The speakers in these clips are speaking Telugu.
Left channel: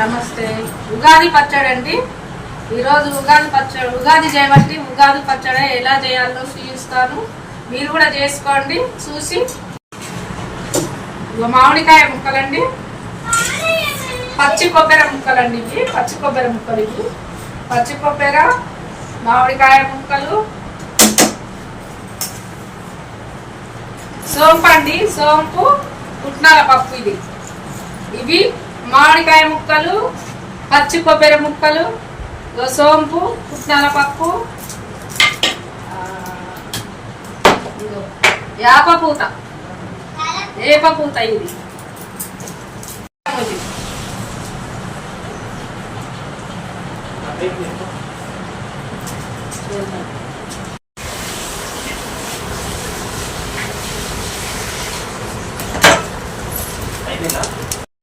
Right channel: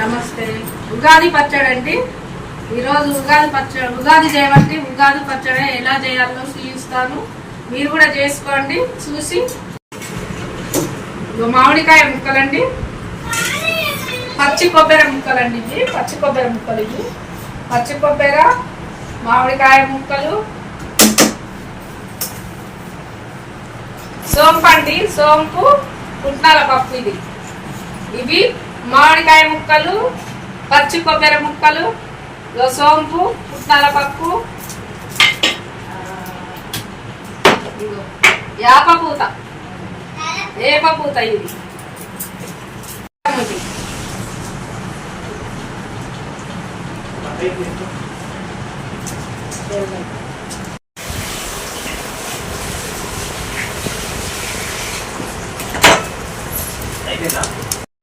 నమస్తే. ఉగాది పచ్చడి అండి. ఈరోజు ఉగాది చేయబట్టి ఉగాది పచ్చడి ఎలా చేయాలో చూపిస్తాను. మీరు కూడా చేసుకోండి చూసి. మామిడికాయ ముక్కలండి, పచ్చి కొబ్బరి ముక్కలండి. ఇవి పచ్చి కొబ్బరి ముక్కలు. ఇవి పచ్చి కొబ్బరి, మామిడికాయ ముక్కలు, సోంపు అండి, సోంపు, పుట్నాల పప్పు. ఇవి మామిడికాయ ముక్కలు, పచ్చి కొబ్బరి ముక్కలు, సోంపు, పుట్నాల పప్పు, యాపపూత, ఏపపూత. ఇది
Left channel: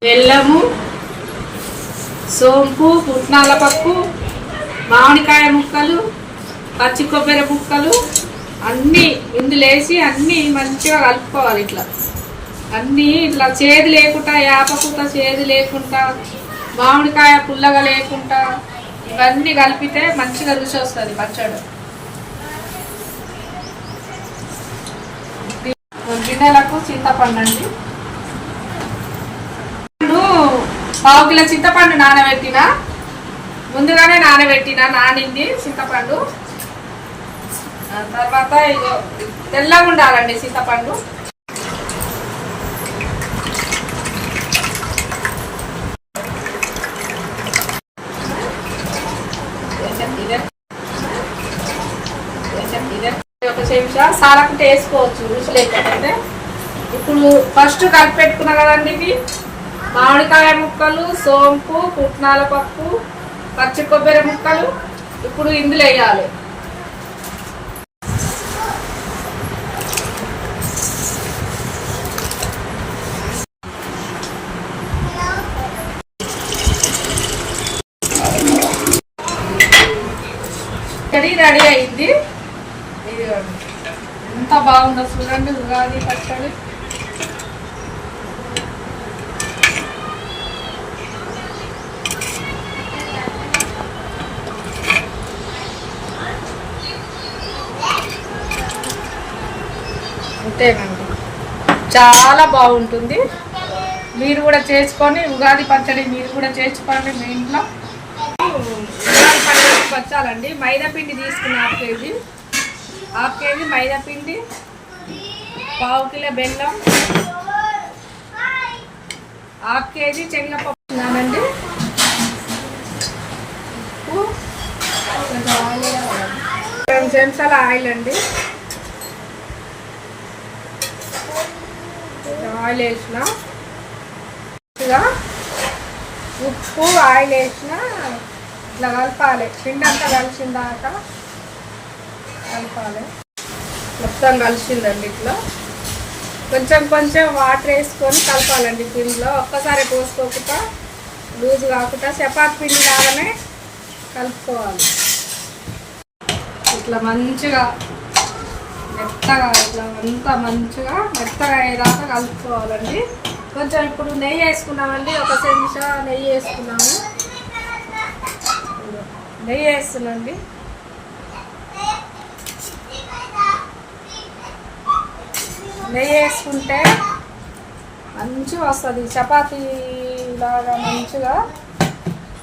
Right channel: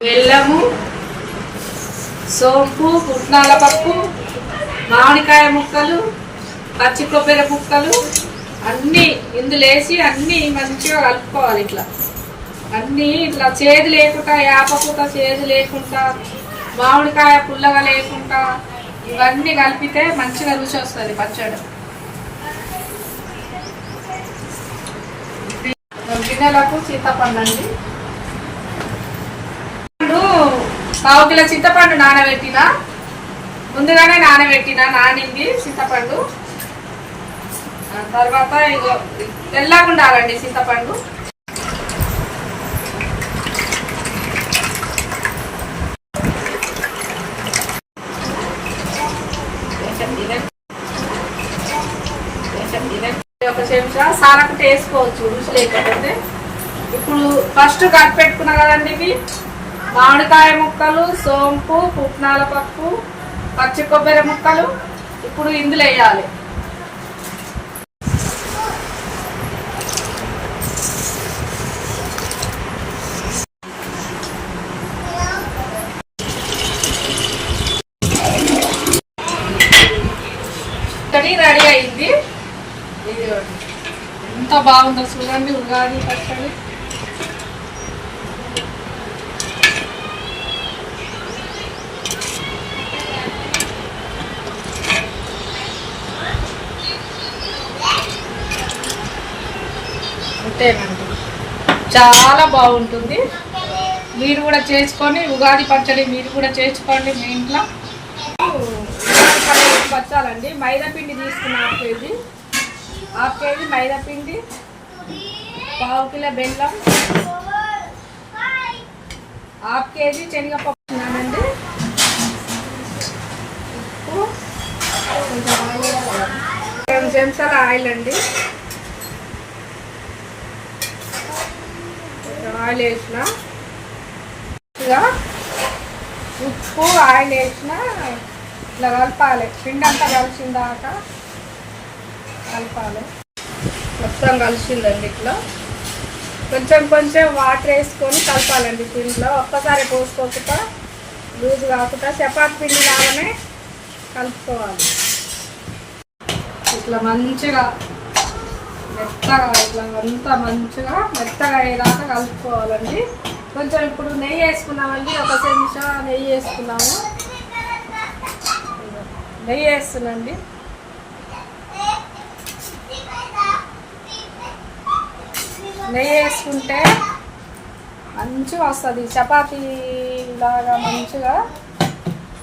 బెల్లము, సోంపు, పుట్నాల పప్పు, మామిడికాయ ముక్కలు, పచ్చి కొబ్బరి ముక్కలు అన్నీ ఇందులో వేసి అన్నీ మంచిగా కలుపుకోవాలి. ఇట్లా అన్నీ ఇట్లా చేదు లేకుండా, యాపపూత చేదు లేకుండా, మామిడికాయ పుల్లగా లేకుండా ఇవన్నీ కలిపితే మంచిగా రుచి వస్తుంది పచ్చడి. గిన్నెలకు చింతపండు అండి. పావు కిలో చింతపండు నానబెట్టిన, ముందుగానే నానింది చింతపండు. తర్వాత ఇగో తెల్లగా ఉండాలండి చింతపండు. ఒక చెంచా సాలకుంటే వేసుకోవచ్చు రుచి లేకపోతే. ఇప్పుడు ఫస్ట్ కలిపి పెట్టుకున్నా కదండి ఇవి మామిడికాయ ముక్కలు, సోంపు, పుట్నాల పప్పు, పచ్చి కొబ్బరి ముక్కలు. ఇప్పుడు ఇందులో వేయాలి. రెడీ అయింది. ఇది ఎంత బాగుందో చూడండి ఉగాది పచ్చడి. అంతేనండి, చాలా బాగుంటుంది. మీరు కూడా చేసుకొని ఉగాది పచ్చడి మీరు కూడా చేసుకోండి మీ ఇంట్లో. ఉగాది పచ్చడి పచ్చాలండి. మైదాపిండి తీసుకున్న హాఫ్ కేజీ మైదాపిండి, పావు కిలో బెల్లం, హాఫ్ కేజీ శనగపప్పు తిన్నానండి. కొంచెం 2 చెంచాల ఆయిల్ అండి. ఆయిల్ వేసిన, ఉప్పు, ఆయిల్ వేసిన, ఇట్లా కలపాలి. పిండి అంతా కలిసిన దాకా కలపాలి. మొత్తం కలిసిందండి. ఇట్లా కొంచెం కొంచెం వాటర్ వేసుకొని కలపాలండి పిండిలో. ఒక్కసారి పోసుకోకుండా, లూజు కాకుండా చపాతి పిండి లాగానే కలుపుకోవాలి. ఇట్లా మంచిగా మెత్తగా, ఇట్లా అంతా మంచిగా మెత్తగా అయ్యేదాకా కలుపుకోవాలండి. కొంచెం ఇప్పుడు నెయ్యి వేసుకున్నామండి. ఒక చెంచా నెయ్యి వేసుకున్నాము. నెయ్యి వేస్తున్నాండి. నెయ్యి వేసుకుంటే మంచిగా వస్తుంది. చపాతీ లాగా మంచిగా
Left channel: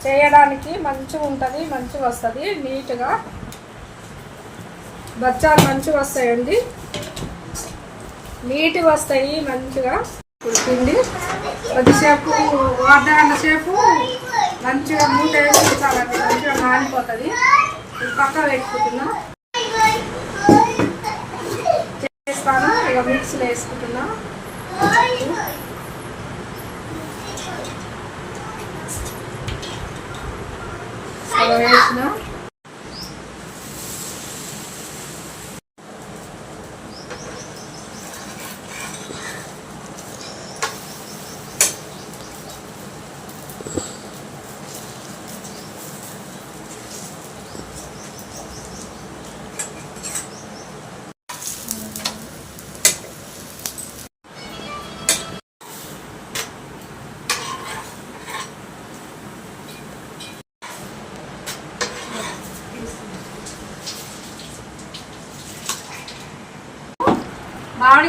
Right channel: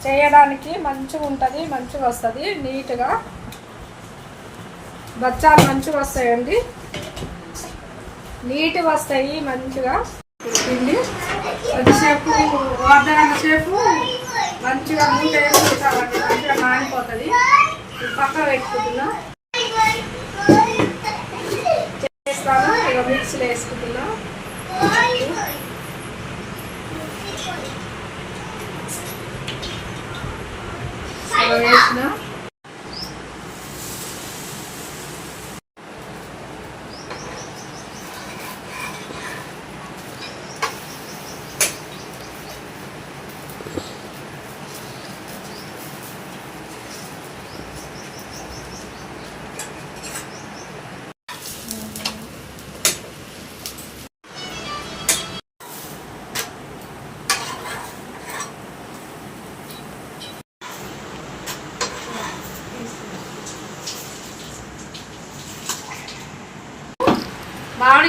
చేయడానికి మంచిగా ఉంటుంది, మంచిగా వస్తుంది. నీట్గా బచ్చాలు మంచిగా వస్తాయండి, నీట్గా వస్తాయి మంచిగా. ఇప్పుడు పిండి కొద్దిసేపు, అర్ధగంట సేపు మంచిగా మూట వేసి చాలండి, మంచిగా నానిపోతుంది. పక్క పెట్టుకుంటున్నా, చేస్తాను. ఇక మిక్సీలో వేసుకుంటున్నా. అలా వేసిన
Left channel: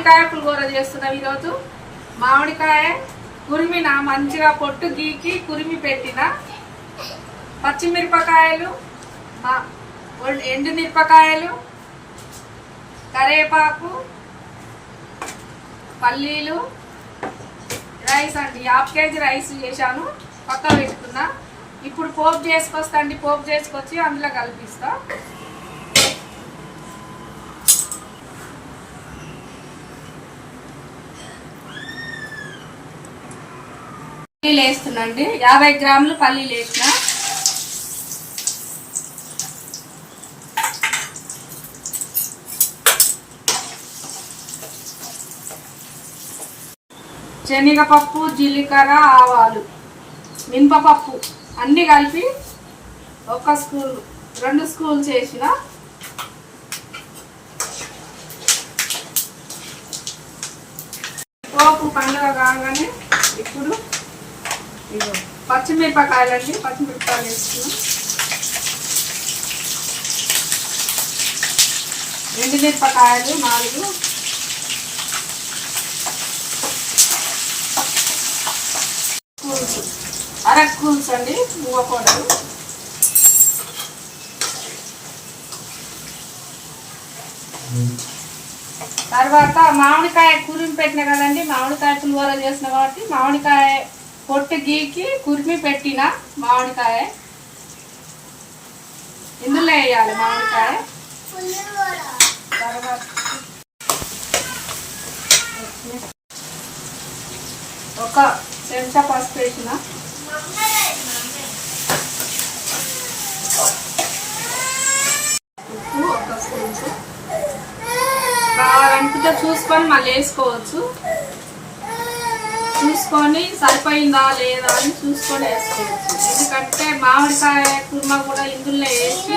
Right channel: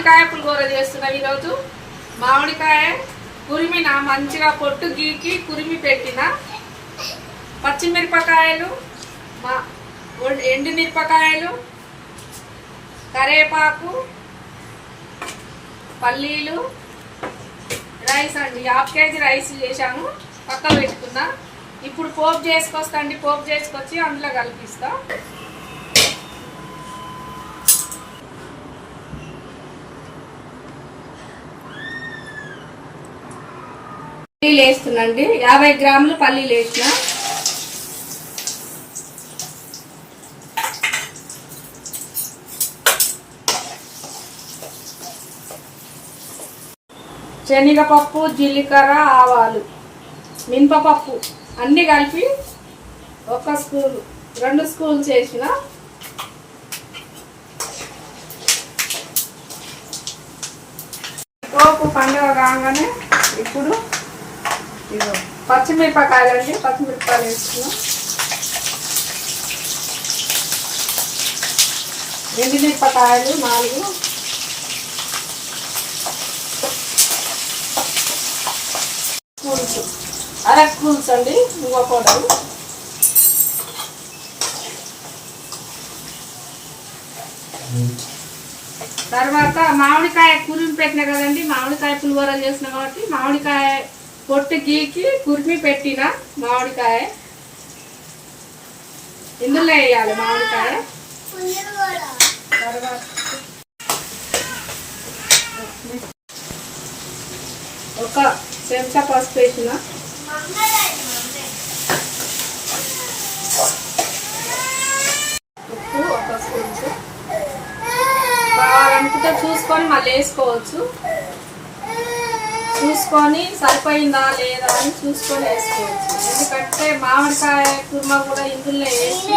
మామిడికాయ పులిహోర చేస్తున్నాం ఈరోజు. మామిడికాయ కురిమిన మంచిగా పొట్టు గీకి కురిమి పెట్టిన, పచ్చిమిరపకాయలు, ఎండుమిరపకాయలు, కరేపాకు, పల్లీలు, రైస్ అండి. 1/2 కేజీ రైస్ చేశాను, పక్కన పెట్టుకున్నా. ఇప్పుడు పోపు చేసుకొస్తా అండి. పోపు చేసుకొచ్చి అందులో కలిపిస్తా. పల్లీలు వేస్తున్నా అండి. 50 గ్రాములు పల్లీలు వేసిన. శనగపప్పు, జీలకర్ర, ఆవాలు, మినపప్పు అన్నీ కలిపి 1 స్పూన్ 2 స్పూన్స్ వేసిన. పోపు పండుగ కాగానే ఇప్పుడు పచ్చిమిరపకాయలు అండి. పచ్చిమిరపకాయలు వేసుకున్నాం. ఎండుమిరపకాయలు 4, అర స్పూన్స్ అండి నువ్వు పౌడర్, తర్వాత మామిడికాయ కురిమి పెట్టిన కదండి. మామిడికాయ పులిహోర చేసిన కాబట్టి మామిడికాయ పొట్టు గీకి కురిమి పెట్టిన మామిడికాయ ఇందులో వేయాలి. మామిడికాయ తర్వాత ఒక చెంచా పసుపు వేసిన, ఉప్పు 1 స్పూన్. కావాలనుకుంటే చూసుకొని మళ్ళీ వేసుకోవచ్చు. చూసుకొని సరిపోయిందా లేదా అని చూసుకొని వేసుకోవచ్చు. ఎందుకంటే మామిడికాయ కుర్మా కూడా ఇందులో వేసి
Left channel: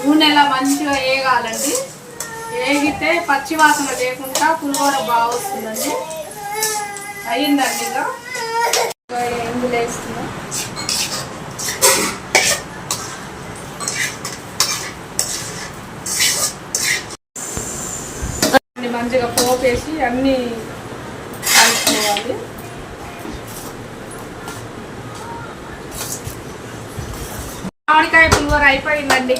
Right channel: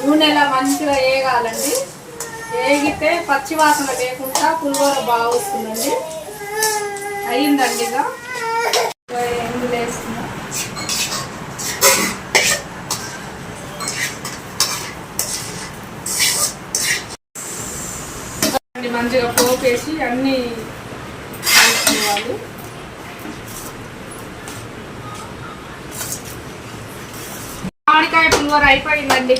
నూనెలా మంచిగా వేగాలండి. వేగితే పచ్చి వాసన లేకుండా పులిహోర బాగా వస్తుందండి. అయ్యిందండి. ఇక ఇందులో వేస్తున్నా. మంచిగా పోపేసి అన్నీ కలుపుకోవాలి. మామిడికాయ పులిహోర అయిపోయిందండి.